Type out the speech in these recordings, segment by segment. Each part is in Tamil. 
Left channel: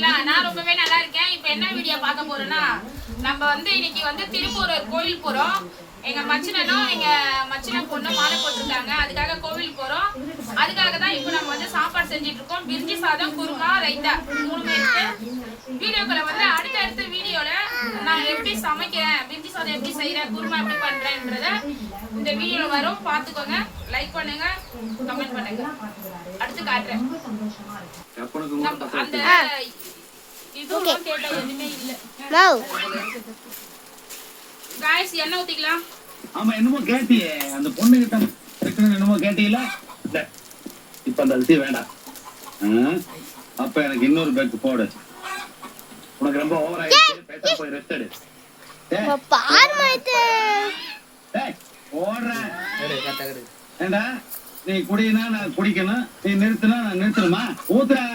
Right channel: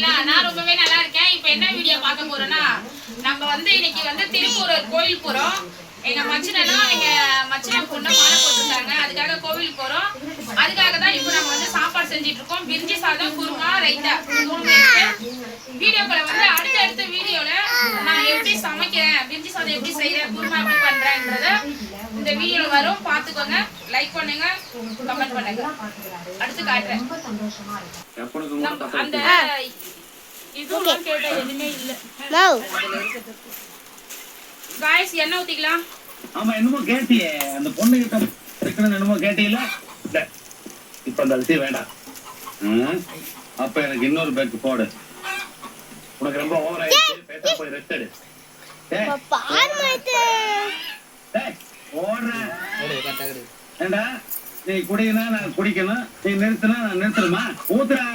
இருக்கீங்களா நான் ரொம்பவே நல்லா இருக்கேன். இப்போ என்ன வீடியோ பார்க்க போறோம்னா நம்ம வந்து இன்னைக்கு வந்து திருப்பூர் கோயில் போறோம். எங்க மச்சினனும் எங்க மச்சின பொண்ணு மாலை போட்டிருக்காங்க. அதுக்காக கோவில் போறோம். அதுக்காக தான் இப்போ நம்ம வந்து சாப்பாடு செஞ்சுட்டு இருக்கோம். பிரிஞ்சி சாதம் குருமா ரைத்தா மூணு பேருக்கு. வீடியோக்களை வந்து அடுத்தடுத்த வீடியோல நான் எப்படி சமைக்கிறேன் பிரிஞ்சி சாதம் எப்படி செய்யறேன் குருமா எப்படி பண்றேன்றத இந்த வீடியோ வரும். பார்த்துக்கோங்க. லைக் பண்ணுங்க. கமெண்ட் பண்ணுங்க. அடுத்து காட்டுறேன். அந்த மவ் ஊத்திக்கலாம். ஆமா என்னமோ கேட்டியே. அந்த பொண்ணு கிட்ட இருக்கணும் என்னமோ இல்ல இப்ப அந்த அரிசி வேண்டாம். அப்ப எனக்கு இன்னொரு பேக் போடு. உனக்கு ரொம்ப ஓவர் ஆயிடுச்சு. போய் ரெஸ்ட் எடு. டேய், பார் மாயிட்டு டேய், ஓடுறா. ஏண்டா நீ குடிக்கனா நான் குடிக்கணும். நீ நிறுத்தினா நான் நிறுத்தணுமா? ஊத்துறா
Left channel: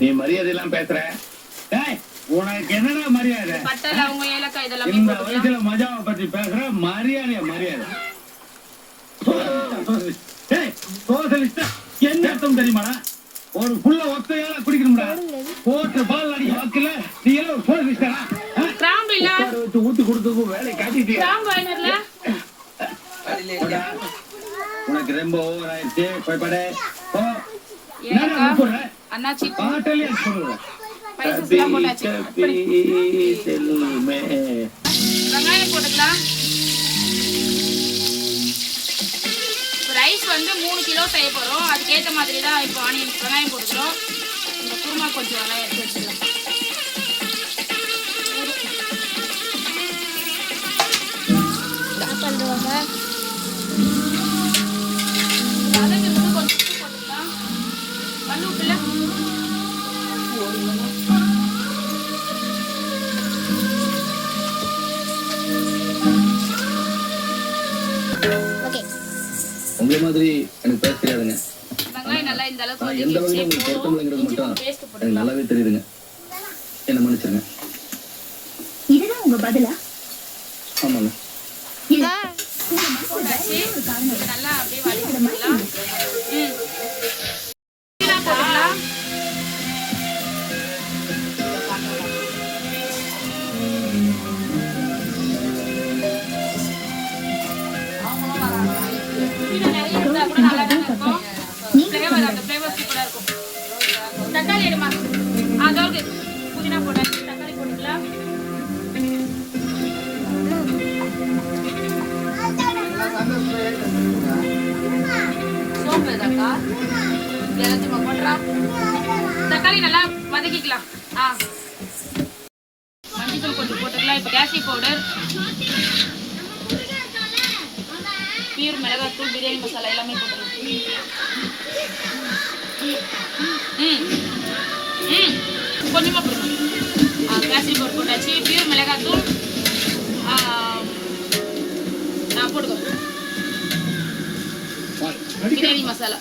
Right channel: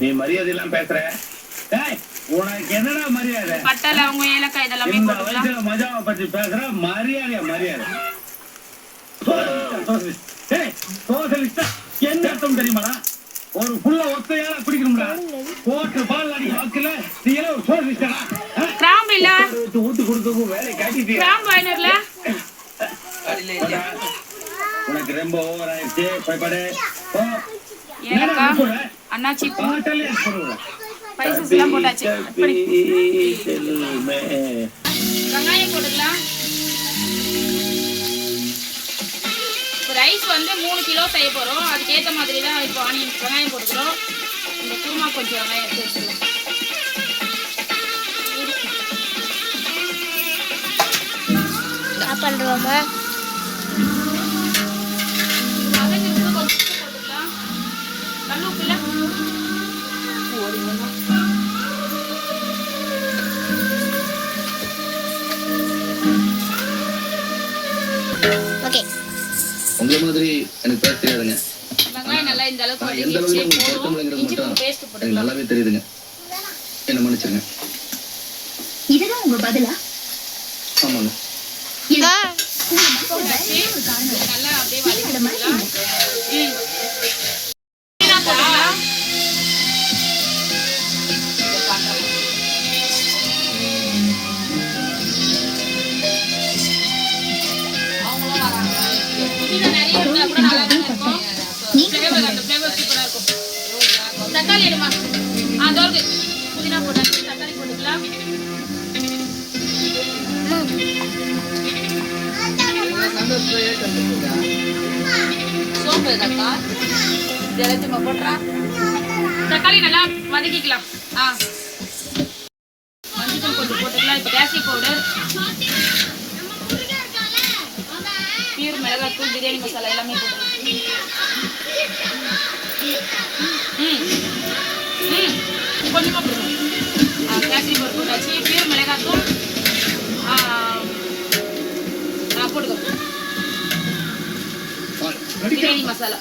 நீ மரியாதை எல்லாம் பேசுற. உனக்கு என்னடா மரியாதை? இந்த வயசுல மஜாவை பத்தி பேசுற மரியாதையா மரியாதை. என்ன அர்த்தம் தெரியுமாடா? ஒரு புள்ள ஒத்தையால குடிக்கணும்டா. போட்டு பால் அடி வாக்குல நீ எல்லாம் ஒரு சோசலிஸ்டா கிராம்பு இல்ல. வச்சு ஊத்து வேலை காட்டிட்டியா? கிராம்பு உனக்கு ரொம்ப ஓவர் ஆயிடுச்சு போய் படு அண்ணாச்சி. பாட்டலே சொல்லுவேன் ஸ்பைசஸ் எல்லாம் போட்டாச்சு வெங்காயம் போட்டுக்கலாம் ரைஸ் வந்து மூணு கிலோ செய்ய போறோம் அதுக்கேற்ற மாதிரி தான் இப்போ ஆனியன் வெங்காயம் போட்டுக்கிறோம் இந்த குருமா கொஞ்சம் வெங்காயம் எடுத்து வச்சுக்கலாம் என்ன பண்றோமா வதங்கிறது கொஞ்சம் உப்பு போட்டுக்கலாம் கல் உப்பு உங்களை மாதிரி எனக்கு பேச தெரியாதுங்க. எந்த அளவுக்கு உங்களுக்கு இஞ்சி மட்டும் எனக்கு நல்லாவே தெரியுதுங்க. என்ன மன்னிச்சிருங்க. இதுதான் உங்க பதிலா? ஆமாங்க. இருக்கும். தக்காளி எடுமா? ஆ தோல்கு புதினா போட்டாச்சு தக்காளி போட்டுக்கலாம். சோம்பு இதக்கா எல்லாத்தையும் போட்டுறா. தக்காளி நல்லா வதக்கிக்கலாம். ஆ. மஞ்சள் கொஞ்சம் போட்டுக்கலாம். இப்போ கேசி பவுடர். பியூர் மிளகாத்தூள் பிரியாணி மசாலா எல்லாமே போட்டுக்கலாம். கொஞ்சமாக போடுங்க ஆ கேசி பவுடர் போட்டாச்சு பியூர் மிளகாத்தூள் ஆ ஆ, போட்டுக்கோ. பிரியாணி மசாலா.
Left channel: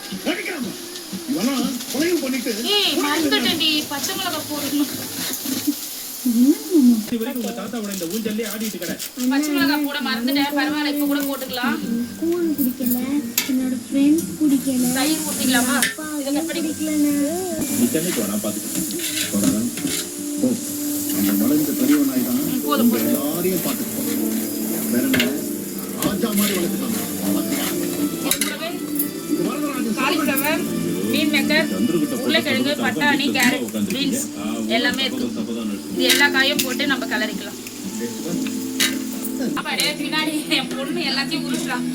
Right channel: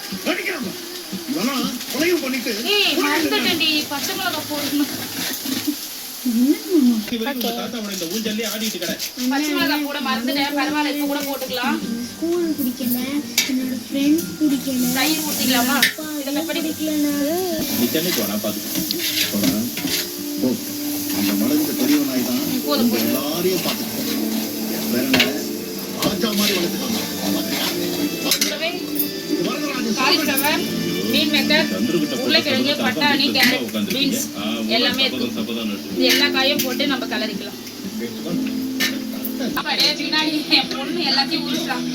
ஏய் மறந்துட்டேன்டி. பச்சை மிளகா போடணும் பச்சை மிளகா போட மறந்துட்டேன். பரவாயில்ல இப்போ கூட போட்டுக்கலாம். ஃப்ரெண்ட்ஸ் பிடிக்கல தயிர் ஊற்றிக்கலாமா இதை கட் பண்ணி நீ சென்னைக்கு வேணா பாத்துக்கோ போடா. போ. அந்த மலருக்கு பெரியவனாய் தான் ம், போதும் போதும் எல்லாரையும் பாத்துக்கோ வேற என்ன ராஜா மாதிரி வளர்த்துக்கோங்க கூடவே காலிஃப்ளவர் மீன் மேக்கர் உருளைக்கிழங்கு பட்டாணி கேரட் பீன்ஸ் எல்லாமே இருக்கு இது எல்லா காயும் போட்டு நம்ம கலரிக்கலாம் பின்னாடி என் பொண்ணு எல்லாத்தையும் உருட்டுறான்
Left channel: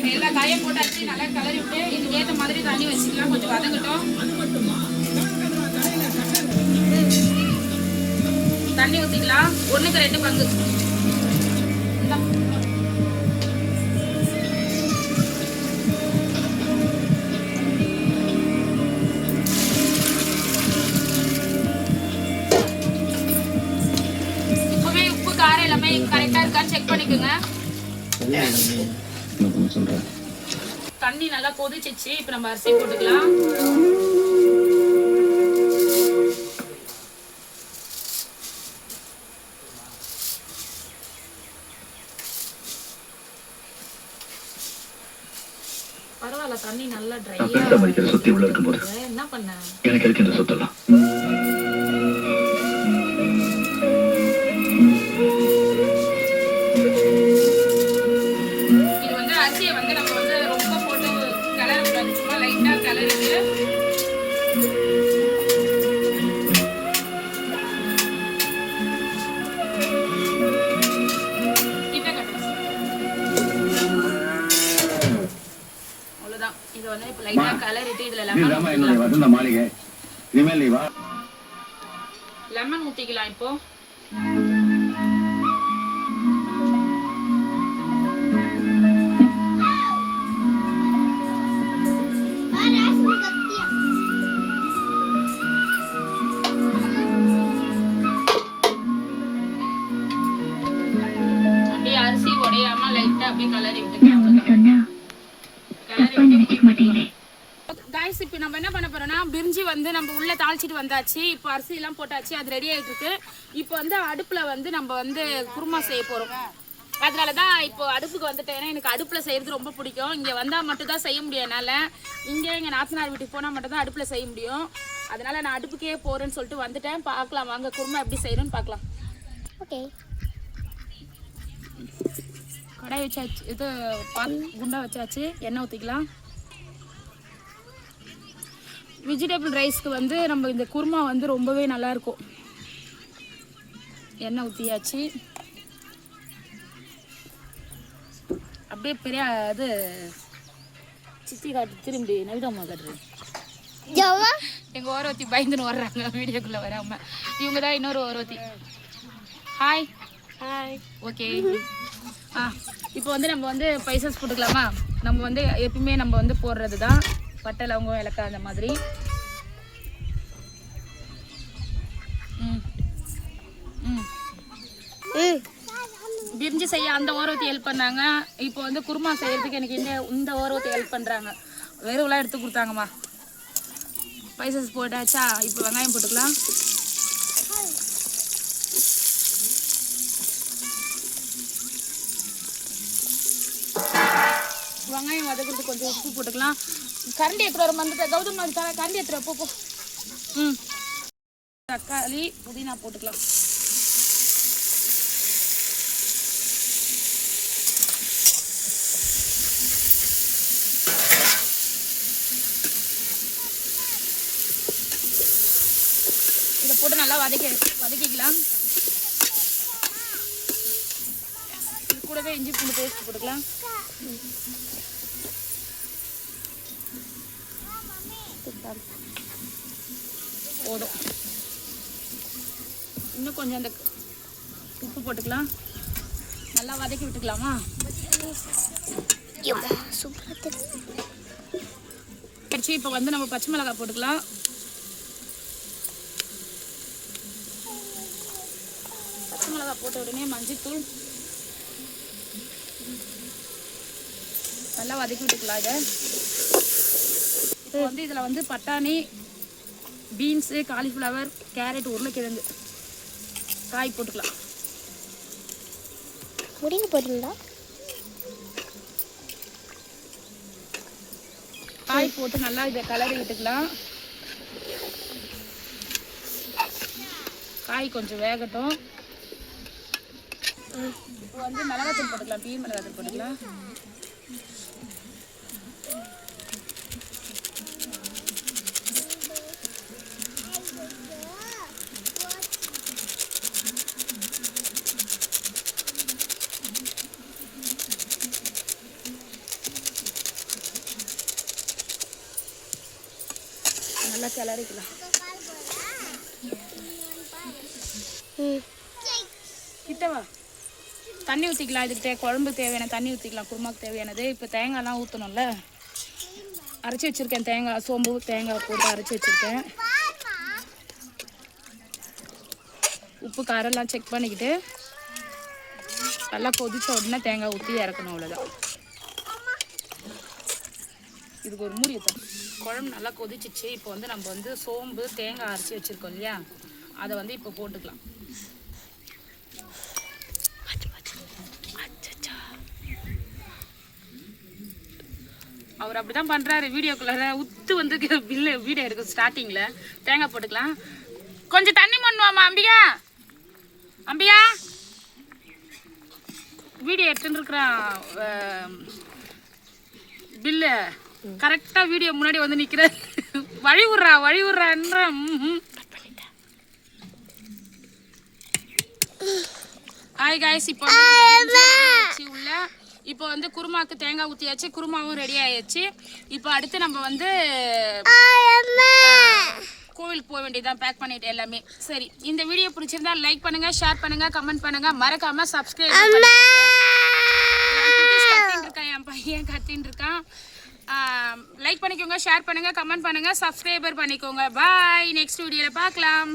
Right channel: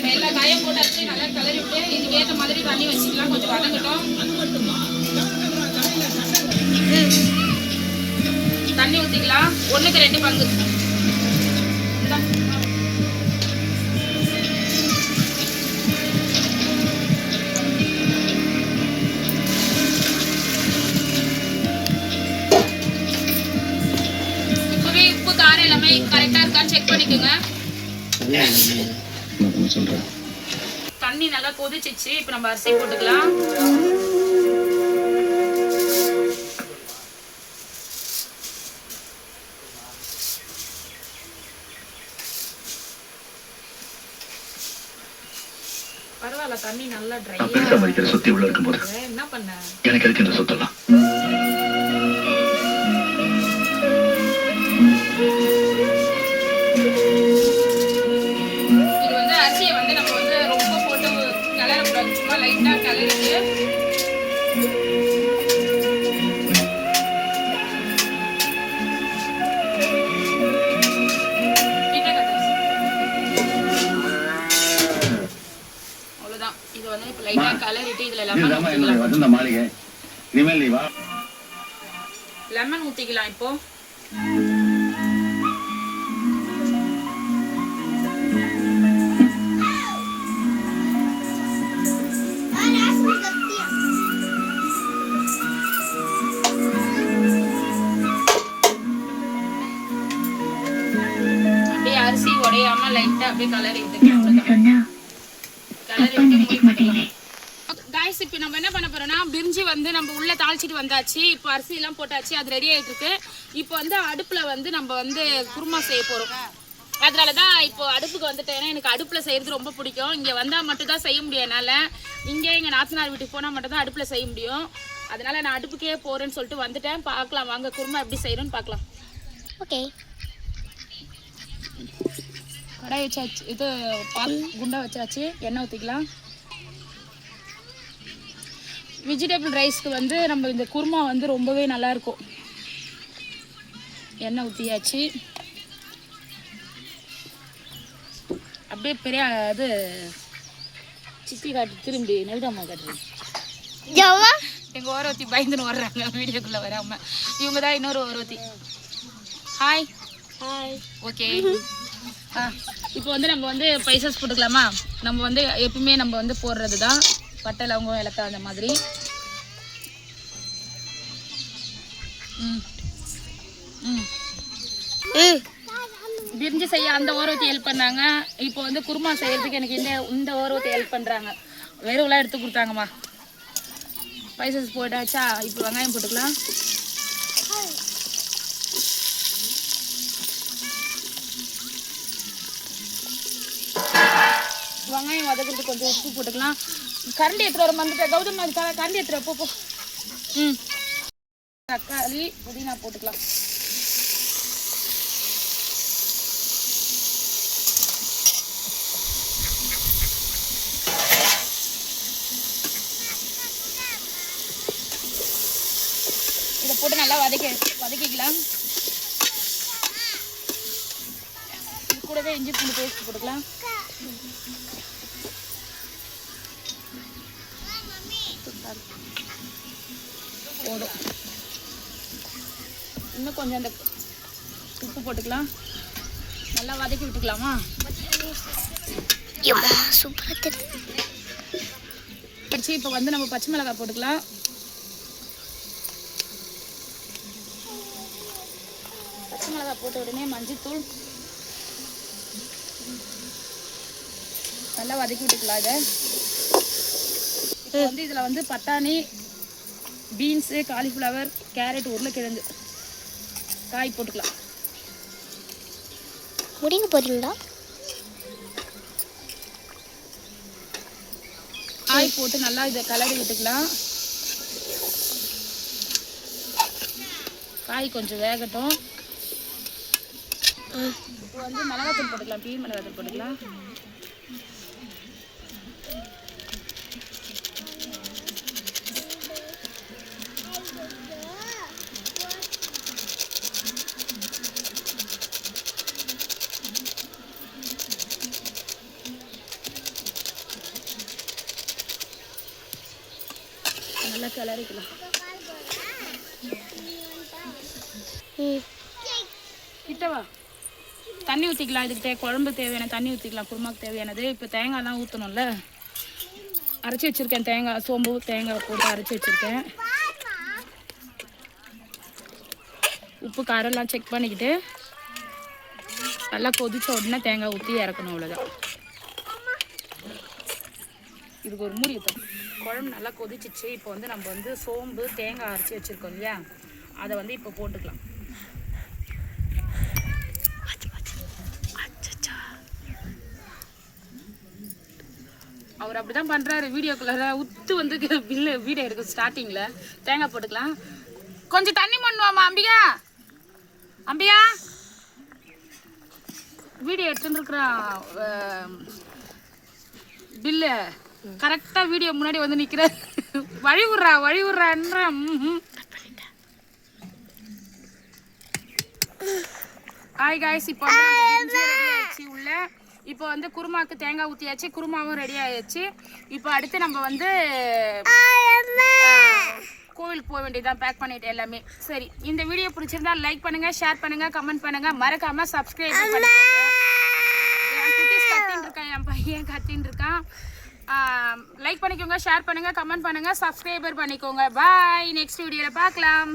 இப்ப எல்லா காயும் போட்டாச்சு நல்லா கலரி விட்டு இதுக்கு ஏற்ற மாதிரி தண்ணி வச்சுக்கலாம். கொஞ்சம் வதங்கட்டும். தண்ணி ஊற்றிக்கலாம் ஒன்றுக்கு ரெண்டு பங்கு. இப்போவே உப்பு காரம் எல்லாமே கரெக்டா இருக்கான்னு செக் பண்ணிக்கோங்க. நான் சொல்றேன். தண்ணி நல்லா கொதிச்சிச்சு இப்போ நம்ம அரிசி போட்டுக்கலாம். பரவாயில்ல தண்ணி நல்லா ட்ரை நான் பெருசா மதிக்கிற சுத்தி உள்ள இருக்கும்போது. என்ன பண்ண? எனக்கு எதுக்கு இந்த சொத்தெல்லாம்? லைட்டா இதுல லெமன் ஊத்திக்கலாம். வசந்த மாளிகை. இனிமேல் நீ வா. லெமன் ஊத்திக்கலாம் இப்போ. அப்படியே அரிசி உடையாம லைட்டா அப்படியே கலரி விட்டுக்கலாம் காய்ஸ் இப்போ நம்ம என்ன பண்ண போறோம்னா பிரிஞ்சி வந்து நம்ம உள்ள தாளிச்சிட்டு வந்தாச்சு. இப்போ அரிசி எல்லாம் போட்டாச்சு அது ரெடி ஆயிட்டு இருக்கு இப்போ வந்து அடுப்புல வந்து நம்ம வந்து குருமா செய்ய போறோம். அதனால தான் இப்போ அடுப்புக்கு வந்துட்டேன். ஏன்னா எனக்கு அடுப்புல செய்யறது ரொம்ப பிடிக்கும். இங்க வந்தா மட்டும் தான் செய்ய முடியும் என்னால. இங்க எங்க நாத்தனார் வீட்டுக்கு போனா மட்டும் தான் அடுப்புல செய்ய முடியும். அதனால நான் அடுப்புக்கே போறேன்னு சொல்லிட்டு வந்துட்டேன். பார்க்கலாம். வாங்க குருமா எப்படி செய்யறோம்னு பார்க்கலாம். ஓகே. கடாய் வச்சாச்சு இது பால் குண்டா வச்சாச்சு. எண்ணெய் ஊற்றிக்கலாம் வெஜிடபிள் ரைஸ்க்கு வந்து நம்ம இந்த குருமா வந்து ரொம்பவே நல்லா இருக்கும் எண்ணெய் ஊற்றியாச்சு அப்படியே பெரிய இது சித்தி காட்டு திரும்பி நெல்டம்மா காட்டுறது. எங்கள் ஓரவத்தி பயந்துன்னு வர்றாங்க வீடியோக்குள்ளே வராமல் இவங்க தான் இன்னொரு ஓரவத்தி. ஹாய் ஹாய் ஓகே ஆ இப்போ வந்து நம்ம வந்து பைசஸ் போட்டுக்கலாமா? நம்ம வந்து எப்பவுமே நம்ம வந்து போடுறது தான் பட்டை லவங்கம் ஏலக்காய் அந்த மாதிரி. பிரிஞ்சு செய்ய அந்த ஓரவத்தி ஹெல்ப் பண்ணாங்க. இப்போ வந்து குருமா செய்யறதுக்கு எனக்கு இந்த இந்த ஓரவத்தி ஹெல்ப் பண்ணுறாங்க வெறுவெல்லாம் எடுத்து கொடுத்தாங்கம்மா. பைசஸ் போட்டாச்சா? இப்போ வெங்காயம் போட்டுக்கலாம். வெங்காயம் வதக்கிறதுக்கு கொஞ்சம் உப்பு போட்டுக்கலாம். கரண்டி எடுத்துட்டு வர மறந்துட்டேன். கௌதம் அது கரண்டி எடுத்துட்டு போ போ. ம். தக்காளி புதினா போட்டுக்கலாம். இதை போட்டு நல்லா வதக்கி வதக்கிக்கலாம். இது கூடவே இஞ்சி பூண்டு பேஸ்ட் போட்டுக்கலாம். போதும் இன்னும் கொஞ்சம் அந்த உப்பு போட்டுக்கலாம். நல்லா வதக்கி விட்டுக்கலாமா? சூப்பராக கடிச்சு இப்போ வந்து நம்ம பச்சை மிளகாய் போட்டுக்கலாம். பச்சை மிளகாய் போட்ட உடனே மஞ்சள்தூள் நல்லா வதக்கி விட்டுக்கலாம் இதை இப்போ வந்து இதில் வந்து பட்டாணி பீன்ஸு காலிஃப்ளவர் கேரட் உருளைக்கிழங்கு. காய் போட்டுக்கலாம். முடிக்க போறீங்களா காய் போட்டு நல்லா இதை கலரி விட்டுக்கலாம். காய் கொஞ்சம் வேகட்டும். இப்போ வந்து மிளகாத்தூள் போட்டுக்கலாம். பீ மிளகாத்தூள் போட்டுக்கலாம் நல்லா கிளறிக்கலாம் ம் கிட்டவா தண்ணி ஊற்றிக்கலாம் இதுக்கு குழம்பு தேவையான தண்ணி ஊற்றிக்கலாம் குருமாக்கு தேவையானது. இப்போ தேங்காய்லாம் ஊற்றணும்ல அரைச்சி வச்சுருக்கேன் தேங்காய் சோம்பு தேங்காய் போட்டு அரைச்சி வச்சுருக்கேன். உப்பு காரெல்லாம் செக் பண்ணிக்கிட்டு நல்லா கொதித்த உடனே தேங்காய் ஊற்றி இறக்கணும் அவ்வளோதான் இதுக்கு ஒரு மூடி ஊற்றணும் குழம்பு நல்லா கொதிச்சிச்சு. இப்போ வந்து நம்ம வந்து சோம்பு தேங்காய் அரைச்சி வச்சுருக்கோம் இல்லையா? அதை வந்து இப்போ போட்டுக்கலாம். அவர் அப்படிதான் பண்றாரு. வீடியோக்குள்ள உத்து வந்து பில்லு வீடியோ இருக்கு ஸ்டார்டிங்ல தேங்காய் போட்டுக்கலாம். கொஞ்சம் தண்ணி பண்ணுவாமா அம்பிகா. அம்பிகா. வீடியோ எடுத்துட்டு இருக்கிறான் பில்லு கரெக்டா வீடியோ முன்னாடி வந்து நிக்கிற வழி விடுறா வழி விடுறான்ற ஹாய் காய்ஸ் இப்போ உள்ள. இப்போ வந்து குருமாக்கு தேங்காய் ஊற்றியாச்சு குருமாவும் ரெடி ஆயிடுச்சு. இப்போ அடுத்து நம்ம வந்து கோவிலுக்கு போக வேண்டியதான் பேக் பண்ணிட்டு எல்லாமே. சரி இந்த வீடியோ பிடிச்சிருந்தா லைக் பண்ணுங்க ஷேர் பண்ணுங்க கமெண்ட் பண்ணுங்க. மறக்காம சப்ஸ்கிரைப் பண்ணுங்க கத்தின்னு இருக்கான் என் பையன் கத்தின்னு இருக்கான். லைக் பண்ணிக்கோங்க ஷேர் பண்ணுங்கள் கமெண்ட் பண்ணுங்கள் சப்ஸ்கிரைபர் பண்ணிக்கோங்க. பாய் நெக்ஸ்ட் வீடியோவில் பார்க்கலாம்.